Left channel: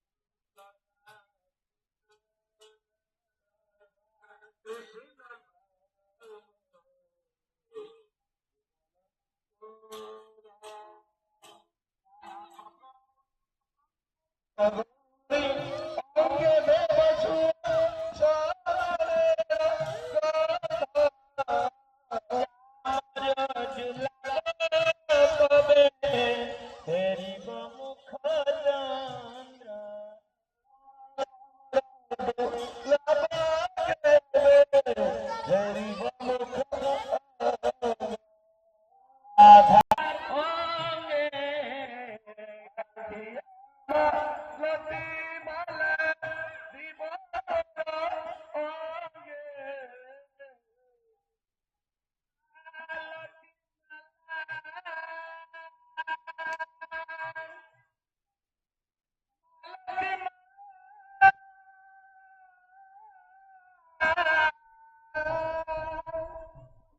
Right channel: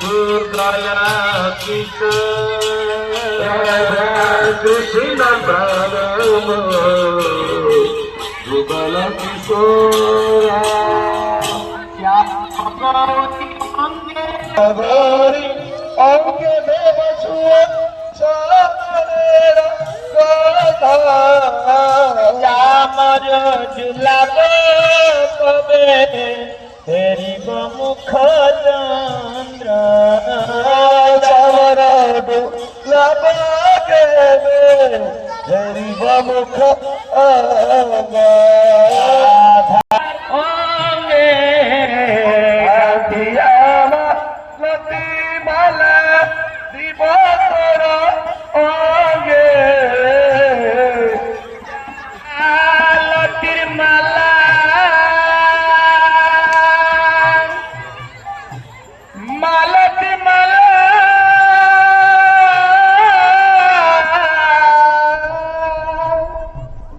দুর্গয়া কৃষ্ণ প্রাণম যুগল কিশোর অঙ্গে দেবসুয় আমার জুলাব কবে হেরিব মুখ চন্দ্র চামর ডুলাব কেবে হেরিব মুখ অঙ্গে লতি মালা দিব তোর অঙ্গে লতির মালা মালতি মালা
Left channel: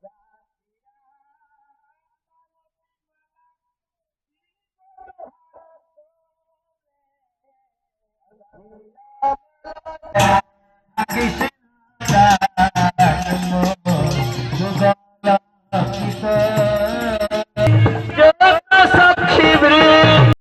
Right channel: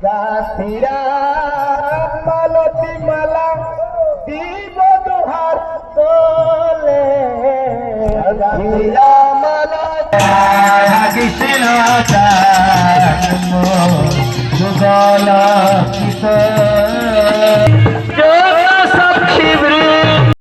গাছিরা মালতি মালা দিব দুহার তোলে গাছিরা